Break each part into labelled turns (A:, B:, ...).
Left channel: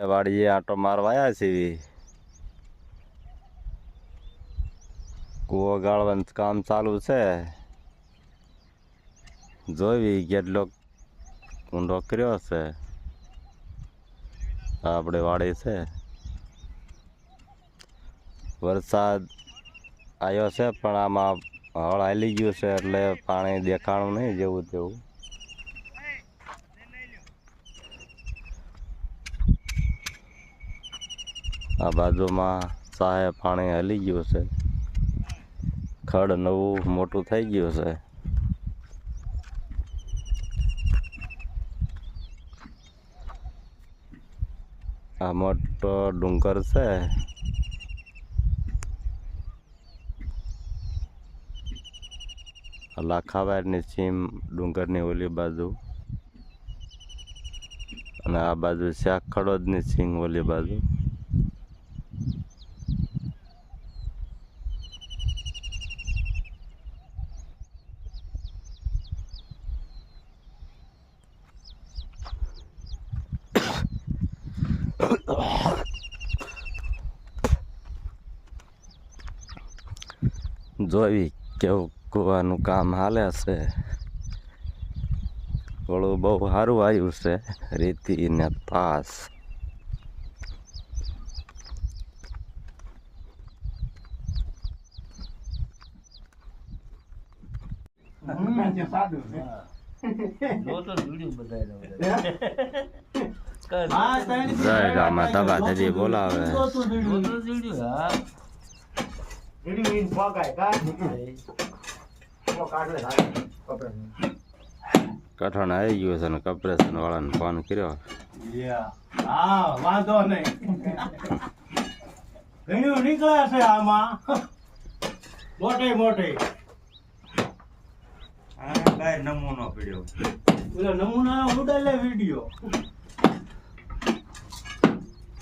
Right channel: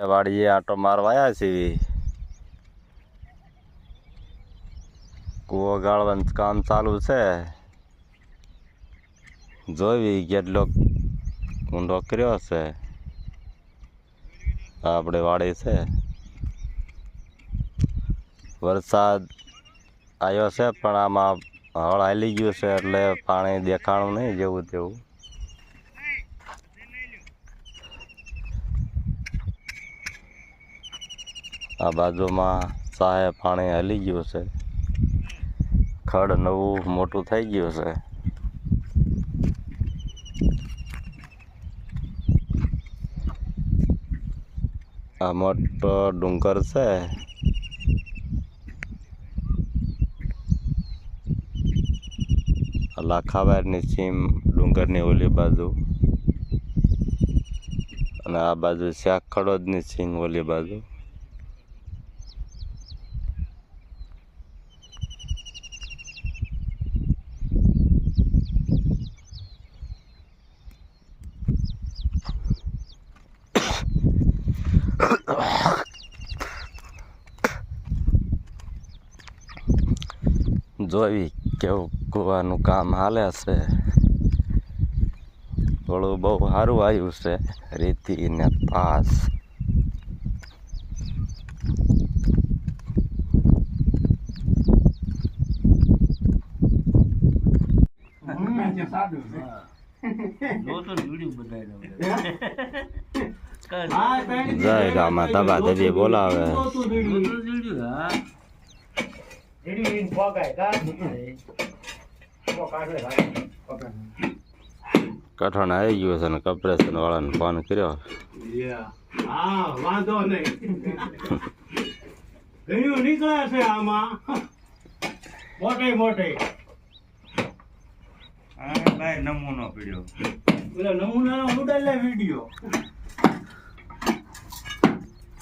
A: વાડીએ આટો મારવા આવ્યા છીએ કૂવો ગાળવાનું કામ ચાલુ છે. જોવી કેટલો ઊંડો કર્યો છે. આપણે વાડી છે. વરસાદ આવ્યો છે, પણ આમાં હળ હાલી ગયું છે એટલે પાણી દેખાણું નહીં જેવું તેવું. આ બાજુમાં ચાહે પાણી હલી ગયું છે. ખડ નવું મોટું થઈ ગયું છે. આ મોટો ડુંગર છે. આ લાખાવારની સીમ ડુંગરની ઓલી બાજુ. અને આ બાજુ શાક ખડોદની સીમ ઓલી બાજુ. જોઈ કેવું કૂવાનું કામ હાલે છે. થોડું બહુ સારું આવ્યું છે રેતી ને પાસ. જય રામા તબા દેવી બોલાવે. કઠણ આવી ગયું છે ને કપરેશન વાળાને ફોન કર્યો.
B: વાંધો નહીં ઘણું નીકળે છે આમાં. મોટે મોટે.
C: નમૂનો પીડ્યો
B: પેલા નમૂના ઉડાડે વીડિયો.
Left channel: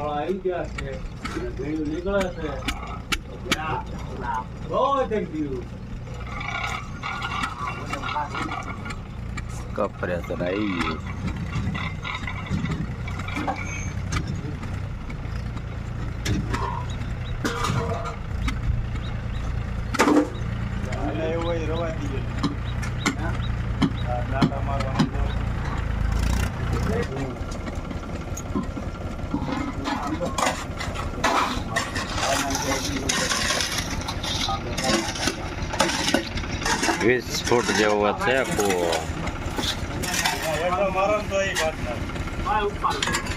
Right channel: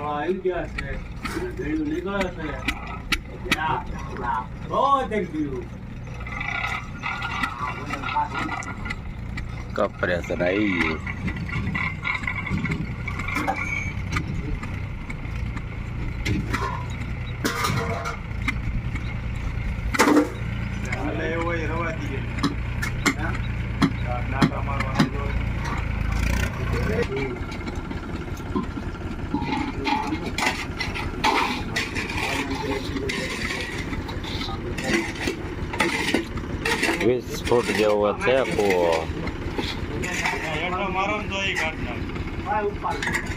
C: આવી
B: ગયા છે ભેળું નીકળે છે ના, ના. બહુ
A: કપરેશન આવી ગયું વીસ ફૂટ જેવો છે કૂવો
C: મારો તો એ કાઢ નાખે.
B: ઉપર.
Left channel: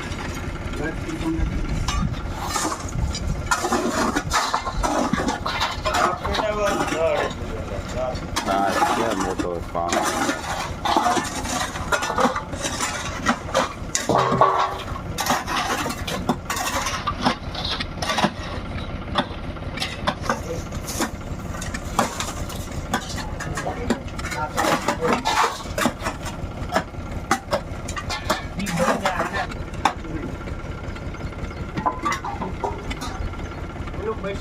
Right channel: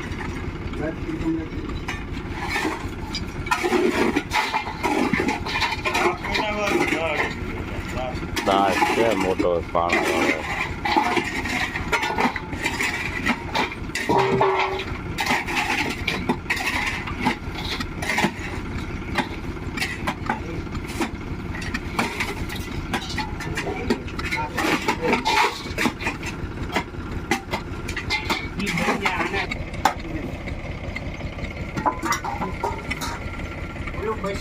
A: મોટો પાણી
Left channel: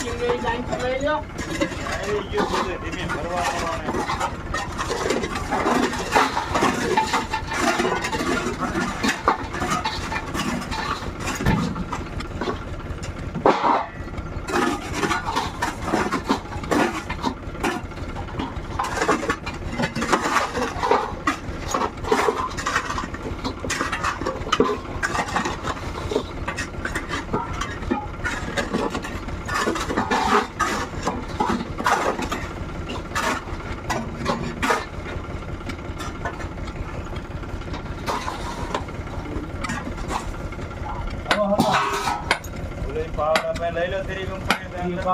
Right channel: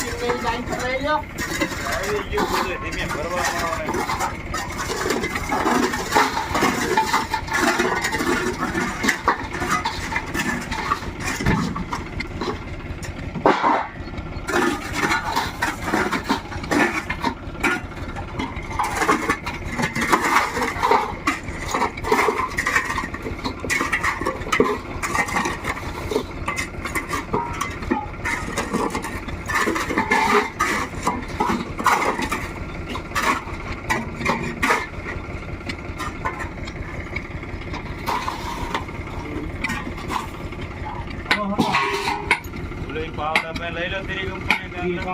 B: પેલું line ચલાવી
C: આવી ગયું બધું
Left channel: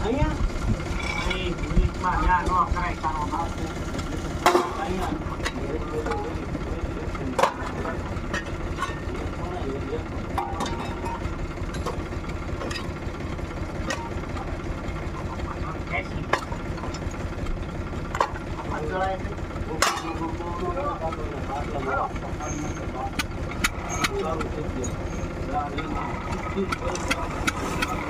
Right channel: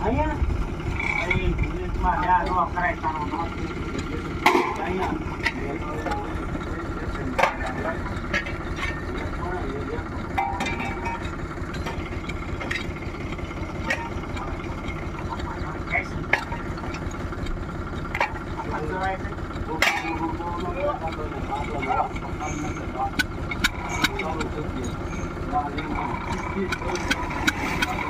C: આવે
B: તોય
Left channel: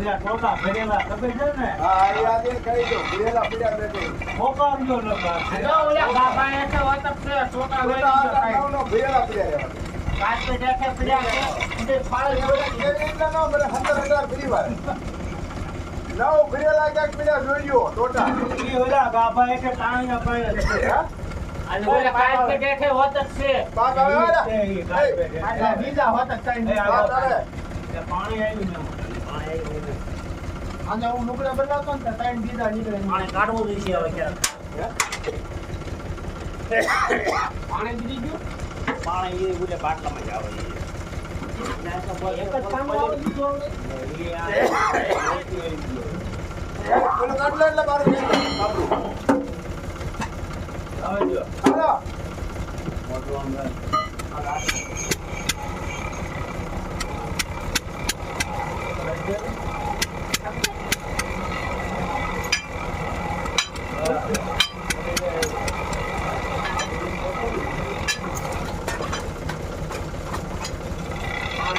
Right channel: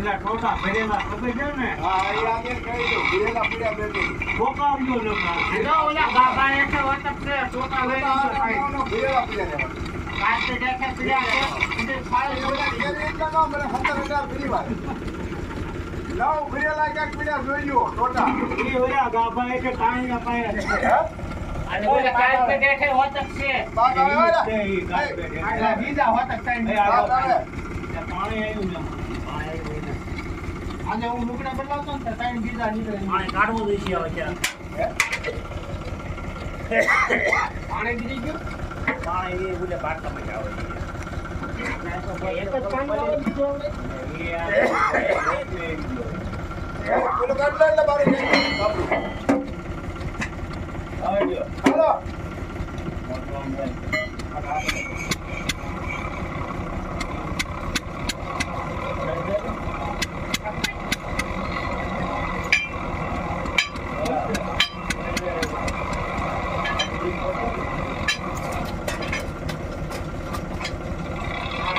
A: બધી ઉપર લઈ લી છે
B: નાવા ગયા ને બા? જઈ લો. લ્યા નો કરાય તારો નામ. અહીંયા. ત્યાં સાઠ વાગ્યાનો ઉપરનો પેલા ટોટા ભરેલા ખબર છે ને મોકલજો લોકો. ઈ ઓલા કાંઈ ના પાડે છે. પાડે. એટલે પાણી આવ્યું ને.
D: અને હું મુકડા બદલાવતો ને ત્રણ બીજા નીકળે
B: કાઢવું જોઈએ હવે ક્યાંક.
D: પાણી દીધી ગયું
B: પાણી એ બોલે બાટલામાં જ આવે.
D: એક જ કામ આવે બીજું આવે
B: એ આ મોટું એક હવે જો મોટું આમ રહે.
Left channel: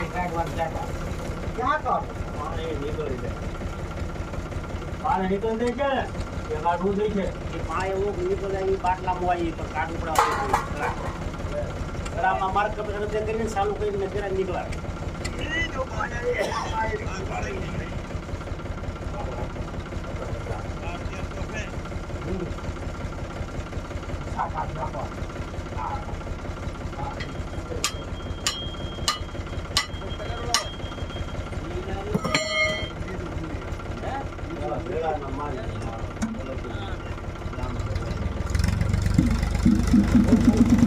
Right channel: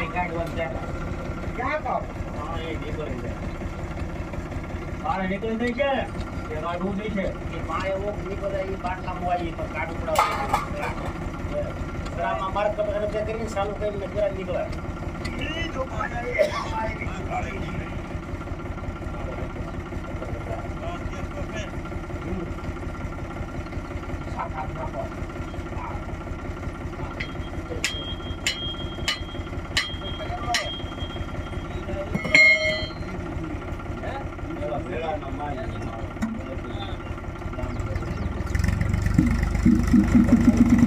D: પાણી કાઢવાનું જતા ક્યાં
B: પાણી નીકળી જાય. પાણી નીકળી જાય છે ને? એ કાઢવું જાય છે.
E: એ પાણી એવું નીકળે એ બાટલામાં વાળીએ તો કાઢું ગ્રામમાં માર્ગ કપડે કરીને ચાલુ કરીને પેલા નીકળ્યા.
D: સાત આઠ નાખો Thank you.